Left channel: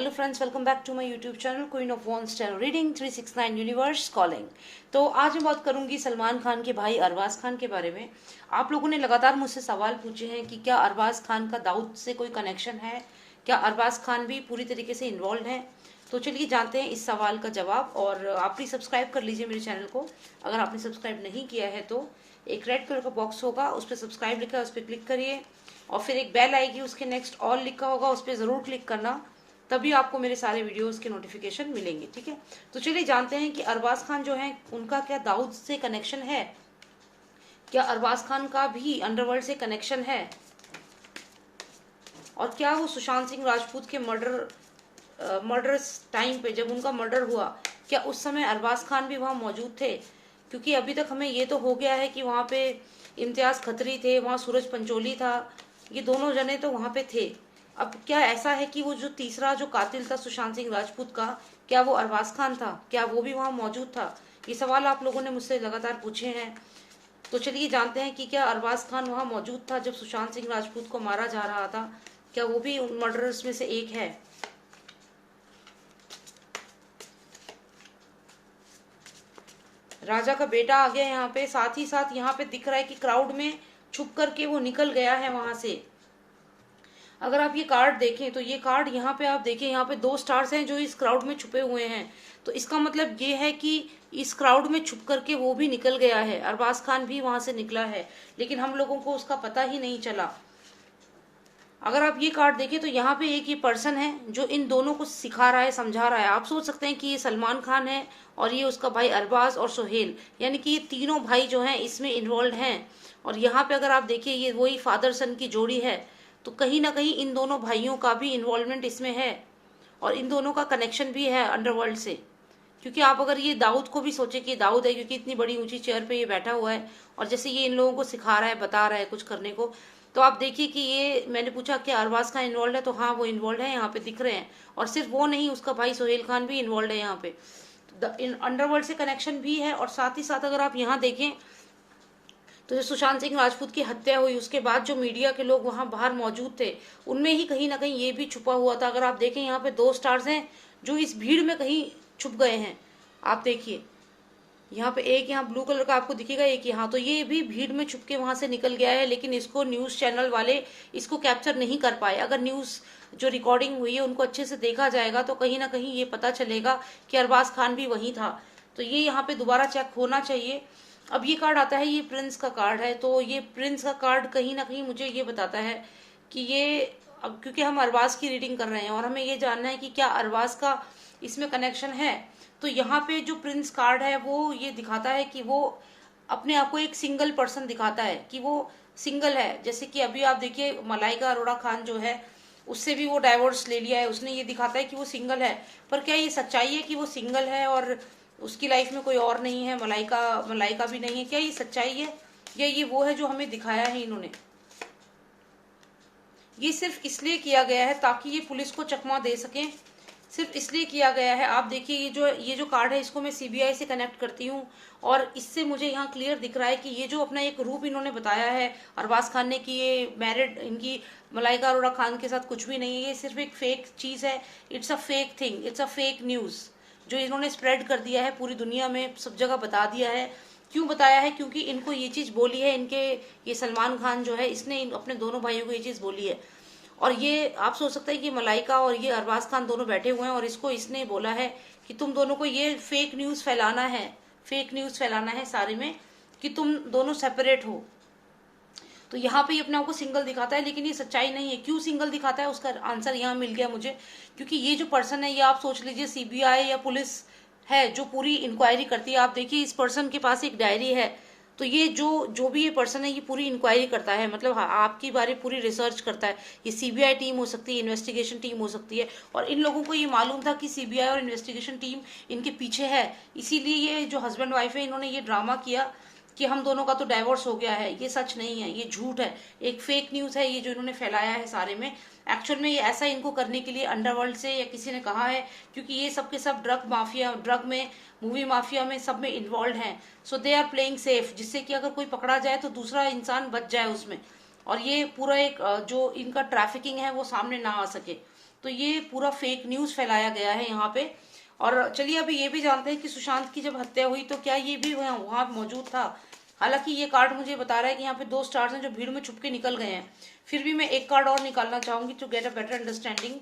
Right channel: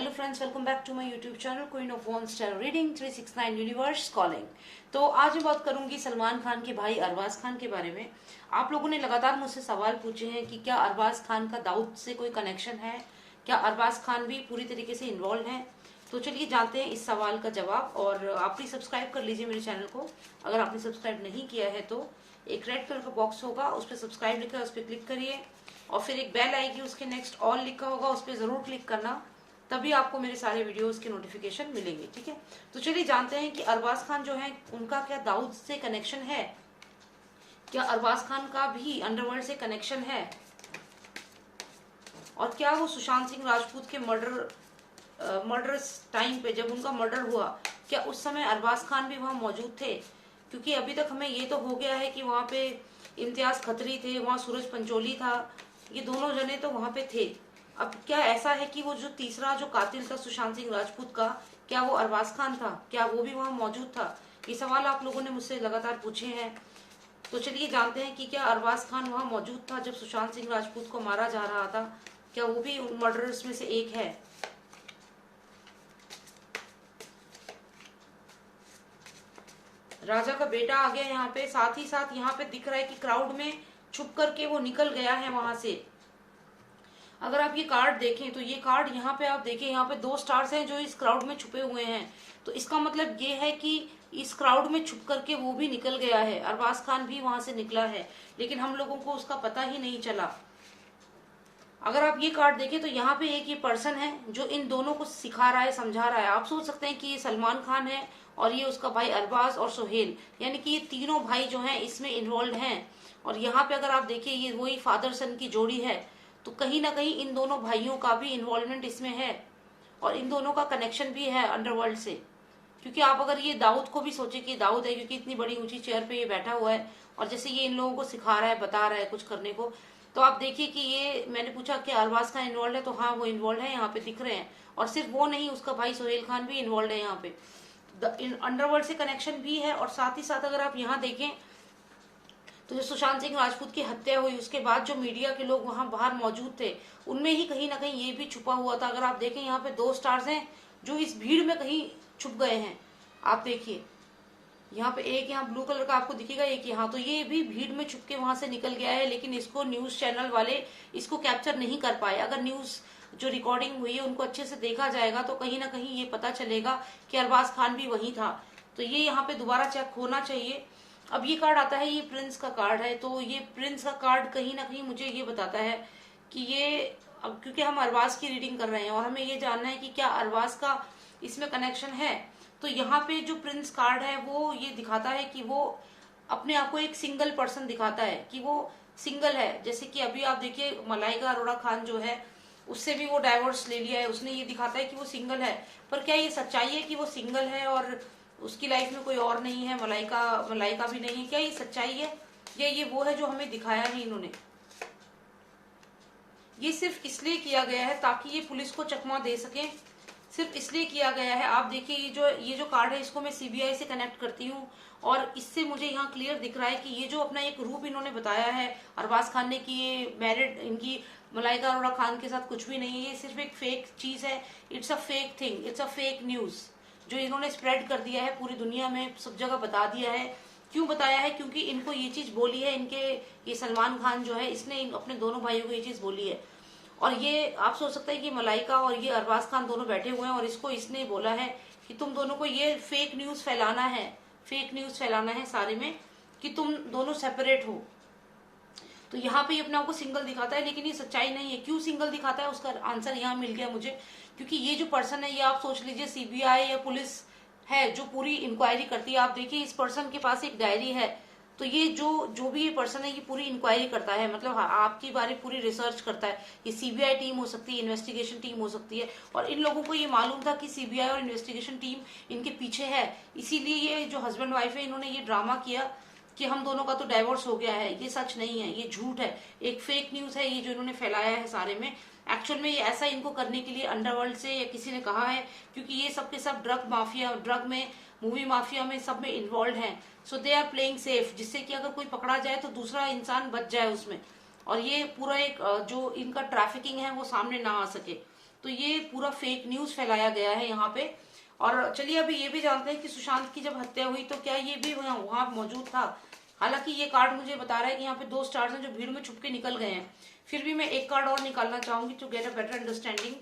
Hello friends, welcome back to my YouTube channel queen of one star reading 369 universe calling. तो आज मैं बात करूंगी सलमान खान के भाई अरबाज खान के बारे में। आप लोगों ने लगातार मुझसे सवाल पूछे हैं कि क्या अरबाज खान का दाऊद से कोई कनेक्शन है, क्या अरबाज खान भी पूरी तरीके से इन्वॉल्व है। तो चलिए जानते हैं इस सवाल का जवाब। और आप प्लीज सब्सक्राइब कर लीजिए मेरे चैनल को। अगर आपने सब्सक्राइब नहीं किया है तो एक रेड कलर का बॉक्स होगा, उस पर सब्सक्राइब लिखा है, उस पर क्लिक करिए। और फिर एक बेल आएगी, उसके नेक्स्ट ऑल लिखा होगा, उस पर जरूर क्लिक करना, तभी आपको मेरे सारे वीडियोस के नोटिफिकेशन मिलेंगे। ठीक है, तो चलिए जानते हैं कि अरबाज खान जो है उनका क्या दाऊद से कनेक्शन है, क्या अरबाज खान का भी अंडरवर्ल्ड से कनेक्शन है, और क्या वो सुशांत सिंह राजपूत के मर्डर टाइम पे जब उनका मर्डर हुआ, क्या उस समय अरबाज खान भी वहां मौजूद थे। क्योंकि अभी तक हमें ये तो हो गया है कि वहां पे इम्तियाज खत्री थे, वहां सूरज पंचोली था, ये दोनों जने तो वहां पे थे। अब क्या ऐसा है कि वो जो तीसरा जो कातिल था सुशांत सिंह राजपूत का, क्या वो अरबाज खान था, क्या वो भी वहां मौजूद था। ये सवाल आप लोगों ने मुझसे लगातार पूछे हैं। तो चलिए जानते हैं कि क्या अरबाज खान वहां मौजूद था जब सुशांत सिंह राजपूत को मारा जा रहा था, क्या वो भी उन मर्डरर्स में से एक है। राजा का बेटा आ गया यहाँ पे, साथ ही साथ यहाँ पे दिख रहा है कि क्राउड में छुप करके वो निकल गया है वहां से। अगर आप ये कार्ड देखें तो ये कार्ड यहाँ पे आप देखें, यहाँ पे 2 स्टार्स हैं जो इस क्राउड में छुपे हुए हैं। तो इसका मतलब ये है कि इस क्राउड में छुप करके वो भी निकल गया है, अरबाज खान भी वहां से निकला है, लेकिन हम लोगों को उसका पता ही नहीं चला। अगर आप ये कार्ड देखें तो यहाँ पे एक ये पर्सन है जो इन दोनों को सिखा रहा है, समझा रहा है। आप सोच सकते हैं कि ये सलमान खान है और ये उसका भाई अरबाज और सोहेल, यानी कि ये तीनों भाई जो हैं इसमें इन्वॉल्व हैं। और यहाँ पे अगर आप देखिए ये वही फादर सन की जोड़ी है, तो कहीं ना कहीं इन दोनों भाइयों का भी इन्वॉल्वमेंट इसमें है और इन दोनों का कनेक्शन भी है अंडरवर्ल्ड से। क्योंकि आप अगर ये दाऊद को भी सोचे कि दाऊद है, क्योंकि इतनी बड़ी ऊंची चेयर पे ये बैठा हुआ है और जैसे ये इन लोगों को सिखा रहा है, बता रहा है कुछ करने को, तो आप देखिए कि ये मैंने पूछा कि अरबाज खान इन्वॉल्व है, तो हाँ वो इन्वॉल्व है, यहाँ पे दिख रहे हैं। और सिर्फ वो नहीं, उसका भाई सोहेल खान भी इन्वॉल्व है यहाँ पे। अंडरवर्ल्ड से कनेक्शन भी है। और साथ ही साथ अगर आप यहाँ देखें तो जो सुशांत सिंह राजपूत की हत्या हुई उसके बाद जो मीडिया के लोग वहां बाहर मौजूद थे, उनमें ही कहीं ना कहीं ये भी छुपा हुआ था। अगर आप देखें यहाँ पे 2 स्टार्स हैं जो इस भीड़ में कहीं छुप गए हैं। आप देखिए यहाँ पे एक यहाँ ब्लू कलर का आपको दिखेगा, एक यहाँ, तो ये भी भीड़ में छुप के वहां से निकल गया है, लेकिन इसको न्यूज चैनल वाले इसको कैप्चर नहीं कर पाए। अगर न्यूज जो रिकॉर्डिंग हुई है उनको अच्छे से देखा जाएगा तो कहीं ना कहीं ये पता चलेगा कि अरबाज खान भी वही था। तो ये यहाँ पे दोबारा चेक होना चाहिए। अब ये कार्ड आता है, ये प्रिंस का कार्ड है, तो ये प्रिंस का कार्ड कहीं ना कहीं मुझे ये बताता है कि ये, अब क्योंकि हम अरबाज की रीडिंग कर रहे हैं और हमें ये जानना है कि क्या अरबाज का इसमें कनेक्शन है, तो यहाँ पे जो प्रिंस कार्ड है वो ये दिखाता है कि वो अपने आप को एक सिंगल पर्सन दिखाता है कि वो सिंगल है। जैसे कि अभी आप देखिए मलाइका अरोड़ा खान जो है उससे भी वो डाइवोर्स ले लिया है, उसने ये दिखाता है कि वो सिंगल है। पर क्या ये सच्चाई है कि वो सिंगल है और उसकी लाइफ में कोई और नहीं है, मलाइका भी नहीं है? क्या ये सच्चाई है या ये वो है जो हमें दिखाया है इन्होंने? ये सिर्फ इसलिए किया गया है ताकि ये पुलिस को चकमा दे सके, सिर्फ इसलिए किया गया है। आप देखिए ये जो कार्ड है इसको मैं सीबीआई से कनेक्ट करती हूँ और इससे मुझे यहाँ क्लियर दिख रहा है कि ये जो अपना एक रूप इन्होंने बताया है अरबाज खान ने कि ये मैरिड, इनकी मलाइका अरोड़ा खान के साथ कुछ भी नहीं है, ये सिर्फ एक फेक चीज है। It's a fake thing, it's a fake news जो इन्होंने स्प्रेड कर दिया है पूरी दुनिया में, सब जगह बता दिया है। क्यों बताया है? क्योंकि इनको ये चीज बोली है, इनके ये सलमान खान जो है इसने अपने दोनों भाइयों को ये चीज बोली है। और ये आप सोच सकते हैं कि मलाइका और ये अरबाज खान दोनों बैठे हुए हैं और इसको इसने बोला है कि तुम दोनों को ये फेक न्यूज फैलाना है, फेक न्यूज फैलाना है सारे में कि तुम दोनों सेपरेट हो। तो यहाँ पे ये अपने आप को सिंगल दिखाता है, लेकिन ये सच्चाई नहीं है। क्यों सिंगल दिखाता है उसका आंसर यहाँ मिल गया मुझे। क्योंकि ये जो पर्सन है ये आप सोच लीजिए सीबीआई या पुलिस है जो पूरी इंक्वायरी करती है। आप देखिए इस पर्सन के पास एक डायरी है, तो ये जो भी ये पर्सन है ये पूरी इंक्वायरी करता है, मतलब आपकी बारे पूरी रिसर्च करता है। ये सीबीआई टीम हो सकती है, इन्वेस्टिगेशन टीम हो सकती है, और इन लोगों को ये मालूम था कि सीबीआई और इन्वेस्टिगेशन टीम इनके पीछे है। इसीलिए ये जो हस्बैंड वाइफ है इन्होंने ये ड्रामा किया कि हम दोनों का तो डाइवोर्स हो गया है। ये सच नहीं है, ये झूठ है, एक फेक न्यूज है ये जो इन्होंने फैलाया है सारे में। एक्चुअल में ये ऐसा इनको करने के लिए अंडरवर्ल्ड से या किसी ने कहा है, क्योंकि ये सब के सब ड्रग माफिया, ड्रग में, मूवी माफिया में, सब में इन्वॉल्व हैं। सो दे आर प्लेइंग सेफ, जिससे कि अगर कोई पकड़ा जाए तो दूसरा इंसान बच जाए उसमें, और ये पूरा एक जो इनका ट्रैफिकिंग है वो सामने ना आ सके। तो ये पूरा फेक न्यूज फैलाया गया है यहाँ पे। और चलिए अभी ये भी जानते हैं कि सुशांत की जब हत्या हुई तो क्या ये भी वहां मौजूद था। हालांकि ये कार्ड मुझे बता रहा है कि यहाँ पे 2 स्टार्स हैं जो भीड़ में छुप के निकल गए हैं। फिर भी मैं एक कार्ड और निकालना चाहूंगी to get a better understanding.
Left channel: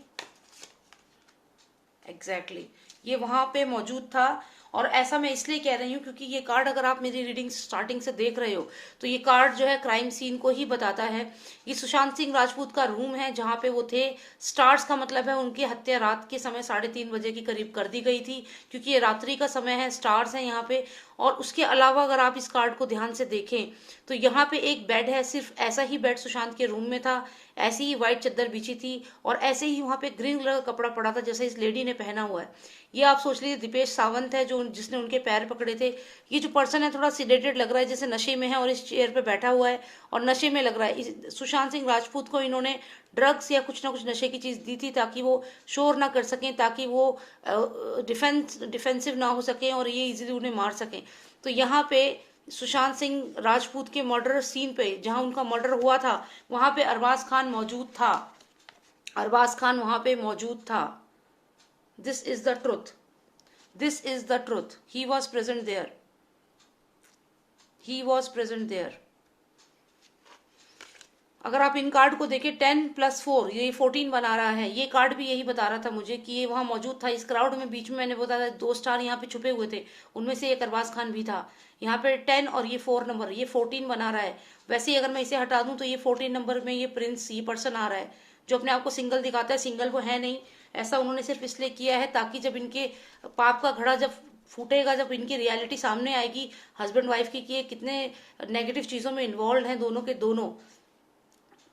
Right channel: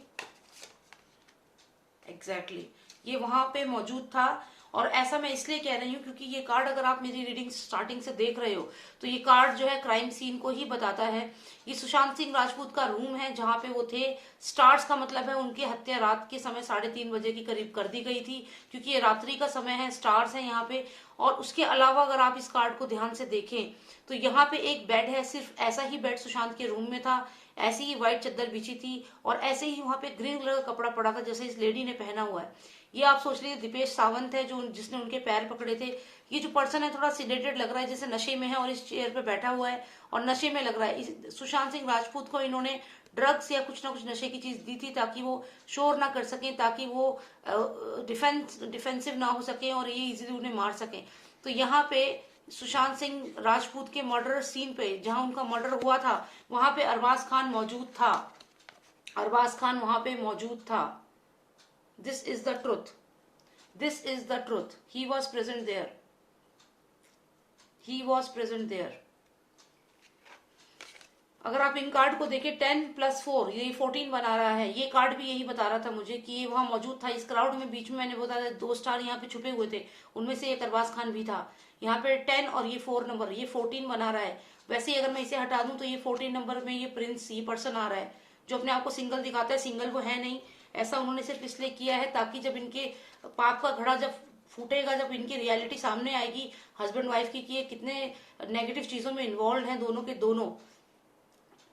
Exactly ये वहां पे मौजूद था। और ऐसा मैं इसलिए कह रही हूँ क्योंकि ये कार्ड अगर आप मेरी रीडिंग स्टार्टिंग से देख रहे हो तो ये कार्ड जो है क्राइम सीन को ही बताता है। ये सुशांत सिंह राजपूत का रूम है जहां पे वो थे। स्टार्स का मतलब है उनकी हत्या रात के समय 3:30 बजे के करीब कर दी गई थी, क्योंकि ये रात्रि का समय है, स्टार्स है यहाँ पे। और उसके अलावा अगर आप इस कार्ड को ध्यान से देखें तो यहाँ पे एक बेड है, सिर्फ ऐसा ही बेड सुशांत के रूम में था, ऐसी ही व्हाइट चादर बिछी थी और ऐसे ही वहां पे ग्रीन कलर का कपड़ा पड़ा था जैसे इस लेडी ने पहना हुआ है। ये आप सोच लीजिए दीपेश सावंत है जो जिसने उनके पैर पकड़े थे। ये जो पर्सन है थोड़ा सिडेटेड लग रहा है, जैसे नशे में है और इस चेयर पे बैठा हुआ है और नशे में लग रहा है। सुशांत सिंह राजपूत को इन्होंने ड्रग्स या कुछ ना कुछ नशे की चीज दी थी ताकि वो शोर ना कर सकें, ताकि वो डिफेंसिव ना हो सके और ये इजीली उन्हें मार सकें। तो यहाँ पे सुशांत सिंह राजपूत के मर्डर सीन पे जहां उनका मर्डर हुआ था वहां पे अरबाज खान मौजूद था। अरबाज खान वहां पे मौजूद था। This is the truth, this is the truth. He was present there, he was present there. अगर आप इन कार्ड को देखें 10 + 4 ये 14 बना रहा है। ये कार्ड भी यही बता रहा था मुझे कि ये वहां मौजूद था इस क्राउड में। बीच में मैंने बताया 2 स्टार यहाँ पे छुपे हुए थे, उनमें से एक अरबाज खान भी था। यहाँ पे 10 और ये 4 नंबर, ये 14 बना रहा है। वैसे ही अगर मैं इसे हटा दूं तो ये 14 नंबर में ये प्रिंस, ये पर्सन आ रहा है जो अपने आप को सिंगल दिखाता है। सिंगल वो है नहीं, ऐसा उन्होंने सिर्फ इसलिए किया है ताकि जब इनके पाप का घड़ा जब फूटेगा, जब इनकी रियलिटी सामने आएगी हस्बैंड वाइफ की कि ये कितने नेगेटिव चीजों में इन्वॉल्व हैं दोनों के दोनों,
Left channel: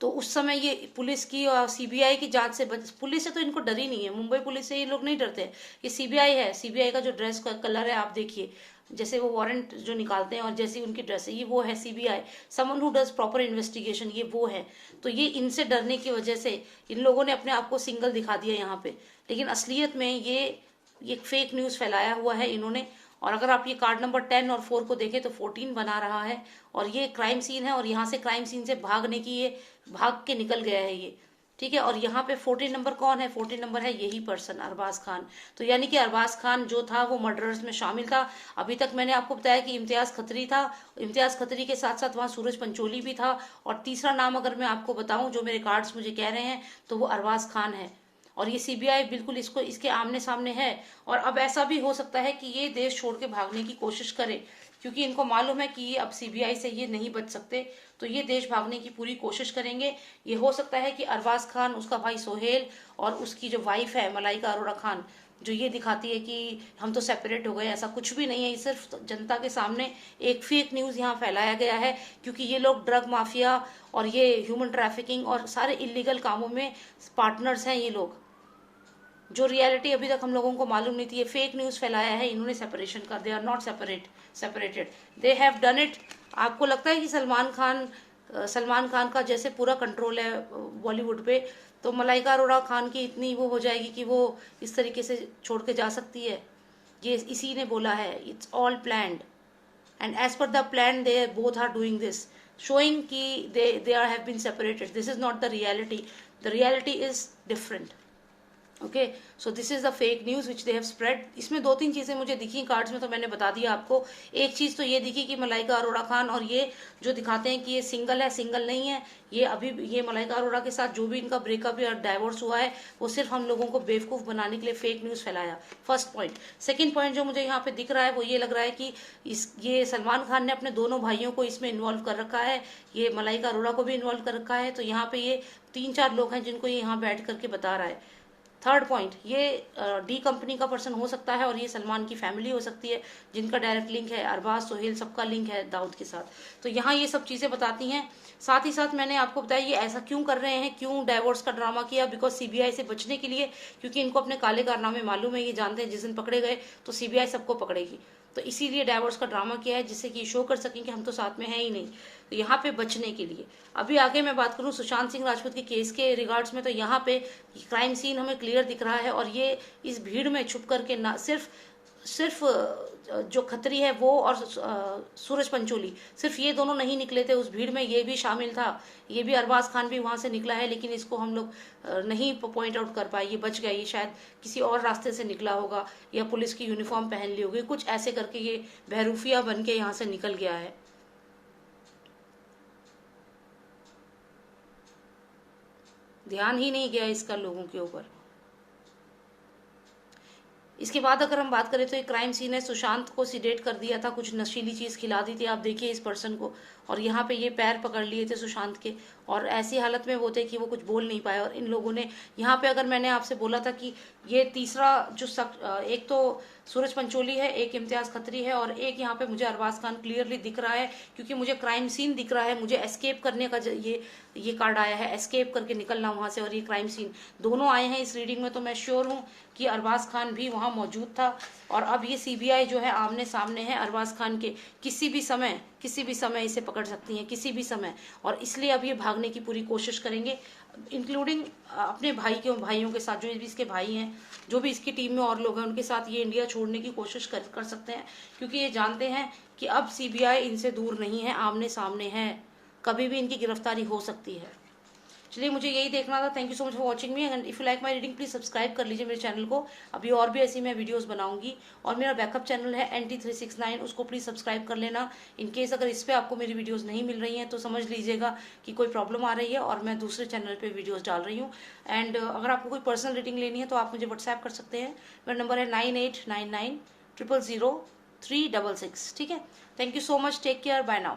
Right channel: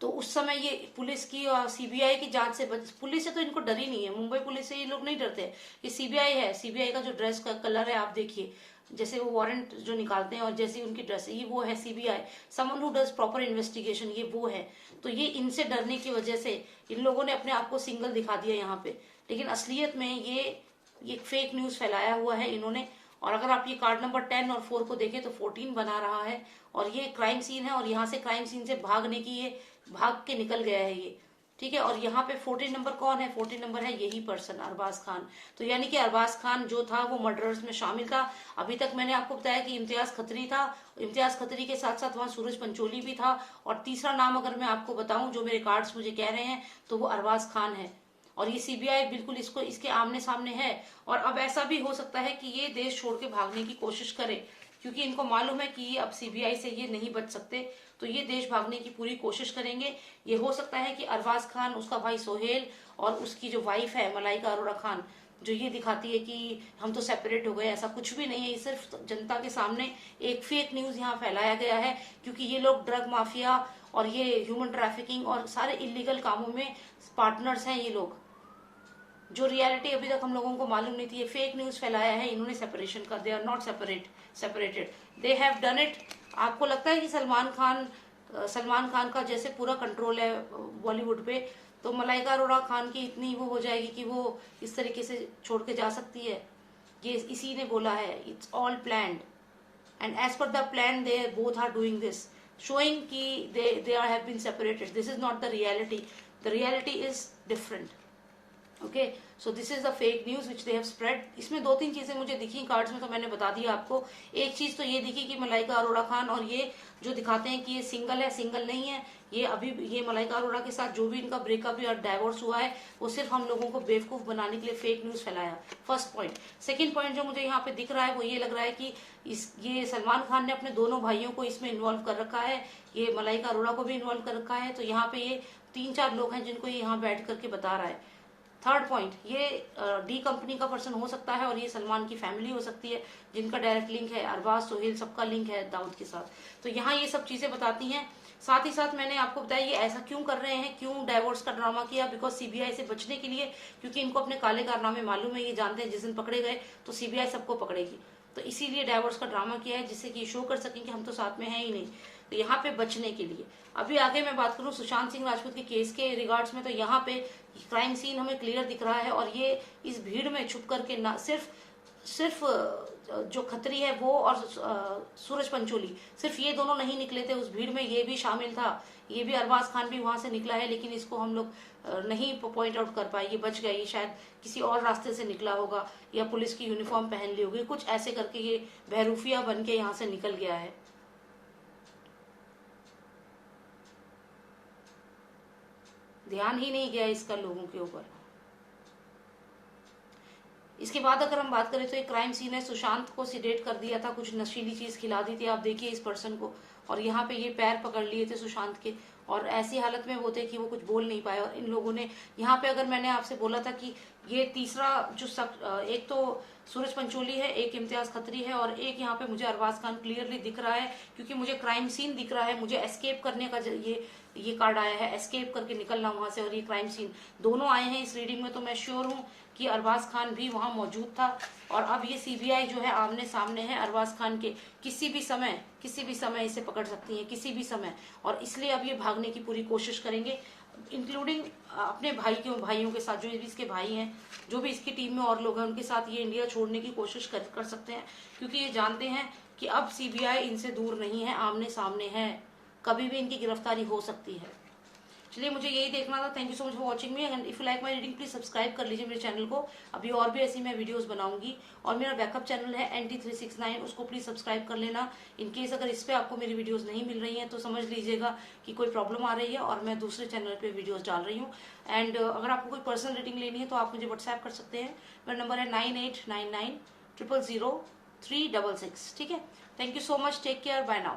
तो उस समय ये पुलिस की और सीबीआई की जांच से पुलिस से तो इनको डर ही नहीं है। मुंबई पुलिस से ये लोग नहीं डरते। ये सीबीआई है, सीबीआई का जो ड्रेस का कलर है आप देखिए, जैसे वो वारंट जो निकालते हैं और जैसी उनकी ड्रेस है ये वो है CBI, someone who does proper investigation, ये वो है। तो ये इनसे डरने की वजह से इन लोगों ने अपने आप को सिंगल दिखा दिया यहाँ पे, लेकिन असलियत में ये फेक न्यूज फैलाया हुआ है इन्होंने। और अगर आप ये कार्ड नंबर 10 और 4 को देखें तो 14 बना रहा है और ये क्राइम सीन है और यहाँ से क्राइम सीन से भागने की ये भाग के निकल गया है ये, ठीक है। और यहाँ पे 14 नंबर कौन है? 14 नंबर है यही पर्सन अरबाज खान। तो यानी कि अरबाज खान जो था वो मर्डरर्स में शामिल था। अभी तक मैंने आपको बताया कि इम्तियाज खत्री था, इम्तियाज खत्री के साथ साथ वहां सूरज पंचोली भी था और तीसरा नाम अगर मैं आपको बताऊं जो मेरे कार्ड्स मुझे कह रहे हैं तो वो अरबाज खान है। और ये सीबीआई बिल्कुल इसको इसके आमने सामने है। और अब ऐसा भी हो सकता है कि ये देश छोड़ के भागने की कोशिश करे, क्योंकि इनको मालूम है कि ये अब सीबीआई से ये नहीं बच सकते, तो ये देश भागने की पूरी कोशिश करेंगे। ये हो सकता है कि अरबाज खान, उसका भाई सोहेल और उसकी जो वाइफ है मलाइका अरोड़ा खान, जो ये दिखाती है कि हम तो सेपरेट हो गए, ऐसा कुछ भी नहीं है। ये सिर्फ जनता के सामने एक फेक न्यूज यहाँ फैलाया गया है, क्योंकि ये लोग ड्रग माफिया और ये ह्यूमन ट्रैफिकिंग और सारे इलीगल कामों में पार्टनर्स हैं ये लोग। जो रियलिटी अभी तक हम लोगों को मालूम नहीं थी, ये फेक न्यूज फैलाया है इन्होंने सेपरेशन का। They are not separated, they have done it. आपको लगता है कि सलमान खान का जैसे पूरा कंट्रोल है बॉलीवुड पे, तो मलाइका अरोड़ा खान की इतनी वो हो जाएगी कि वो इस तरीके से छोड़ के जा सकती है? ये इसी ने बोला है, it's all planned and as per the plan they both are doing this, showing कि they are have been separated. This is not the reality, the reality is different. Okay, so this is the fake news which they have spread. इसमें 2-3 चीजें मुझे दिखी cards में, तो मैंने बता दिया आपको। एक चीज तो ये दिखी कि मलाइका अरोड़ा खान और ये जो दिखाते हैं कि ये सिंगल है, सिंगल नहीं है। ये अभी ये मलाइका अरोड़ा के साथ जो भी इनका ब्रेकअप या डाइवोर्स हुआ है वो सिर्फ हम लोगों को बेवकूफ बनाने के लिए फेक न्यूज फैलाया। First point. सेकंड पॉइंट जो मुझे यहाँ पे दिख रहा है वो ये लग रहा है कि ये सलमान खान ने अपने दोनों भाइयों को इसमें इन्वॉल्व कर रखा है, ये मलाइका अरोड़ा को भी इन्वॉल्व कर रखा है। तो यहाँ पे ये 3-4 लोग हैं जिनको ये यहाँ बैठ करके बता रहा है। थर्ड पॉइंट, ये डी कंपनी का पर्सन हो सकता है और ये सलमान की फैमिली हो सकती है जिनका डायरेक्ट लिंक है, अरबाज, सोहेल, सबका लिंक है दाऊद के साथ। तो यहाँ ये सब चीजें बताती हैं। साथ ही साथ मैंने आपको बताया ये ऐसा क्यों कर रहे हैं, क्यों डाइवोर्स का ड्रामा किया, बिकॉज सीबीआई से बचने के लिए, क्योंकि इनको अपने काले कारनामे मालूम है, ये जानते हैं जिस दिन पकड़े गए तो सीबीआई सबको पकड़ेगी, तो इसीलिए डाइवोर्स का ड्रामा किया है जिससे कि शो कर सकें कि हम तो साथ में है ही नहीं। तो यहाँ पे बचने के लिए अभी आगे मैं बात करूं सुशांत सिंह राजपूत के केस के रिगार्ड्स में, तो यहाँ पे क्राइम सीन हमें क्लियर दिख रहा है और ये इस भीड़ में छुप करके ना सिर्फ सिर्फ जो खत्री है वो और सूरज पंचोली, सिर्फ ये दोनों नहीं निकले थे उस भीड़ में, ये भी शामिल था, ये भी अरबाज खान भी वहां से निकला है, लेकिन इसको हम लोग नहीं पॉइंट आउट कर पाए, ये बच गया, ये शायद किसी और रास्ते से निकला होगा या पुलिस की यूनिफॉर्म पहन ली होगी, कुछ ऐसे करके ये बहरूफिया बन के यहाँ से निकल गया है। ध्यान ही नहीं गया इसका लोगों के ऊपर। इसके बाद अगर हम बात करें तो एक क्राइम सीन है, सुशांत को सिडेट कर दिया था, कुछ नशीली चीज खिला दी थी, आप देखिए इस पर्सन को, और यहाँ पे ये पैर पकड़ लिए थे सुशांत के, और ऐसी हालत में वो थे कि वो कुछ बोल नहीं पाए, और इन लोगों ने यहाँ पे, अगर मैंने आपसे बोला था कि ये तीसरा जो एक तो सूरज पंचोली है, एक इम्तियाज खत्री है, और एक यहाँ पे मुझे अरबाज खान क्लियरली दिख रहा है, क्योंकि मुझे क्राइम सीन दिख रहा है, मुझे एस्केप करने का ये कार्ड आया है, एस्केप करके निकलना वहां से, और ये क्राइम सीन दोनों आए हैं इस रीडिंग में, तो मैं श्योर हूँ कि अरबाज खान भी वहां मौजूद था। और अब ये सीबीआई जो है आमने सामने है अरबाज खान के, किसी भी समय इसे पकड़ सकती है, किसी भी समय, और इसलिए अब ये भागने की पूरी कोशिश करेंगे, इंक्लूडिंग अपने भाइयों के साथ, जो भी इसके भाई हैं, जो भी इसकी टीम में और लोग हैं, उनके साथ ये इंडिया छोड़ने की कोशिश कर सकते हैं, क्योंकि ये जानते हैं कि अब सीबीआई इनसे दूर नहीं है, आमने सामने है, कभी भी इनकी गिरफ्तारी हो सकती है। चलिए, मुझे यही देखना था। Thank you so much for watching me, and if you like my reading please subscribe कर लीजिए मेरे चैनल को, अभी और भी ऐसी मैं वीडियोस बनाऊंगी, और मेरा बैकअप चैनल है NT369, उसको प्लीज सब्सक्राइब कर लेना। इन केस अगर इस पे आपको मेरी वीडियोस नहीं मिल रही हैं तो समझ लीजिएगा कि कोई प्रॉब्लम आ रही है और मैं दूसरे चैनल पे वीडियोस डाल रही हूँ। एंड अगर आपको कोई पर्सनल रीडिंग लेनी है तो आप मुझे व्हाट्सएप कर सकते हैं, मेरा नंबर है 9899 000 366। ठीक है, thank you so much, take care, bye now.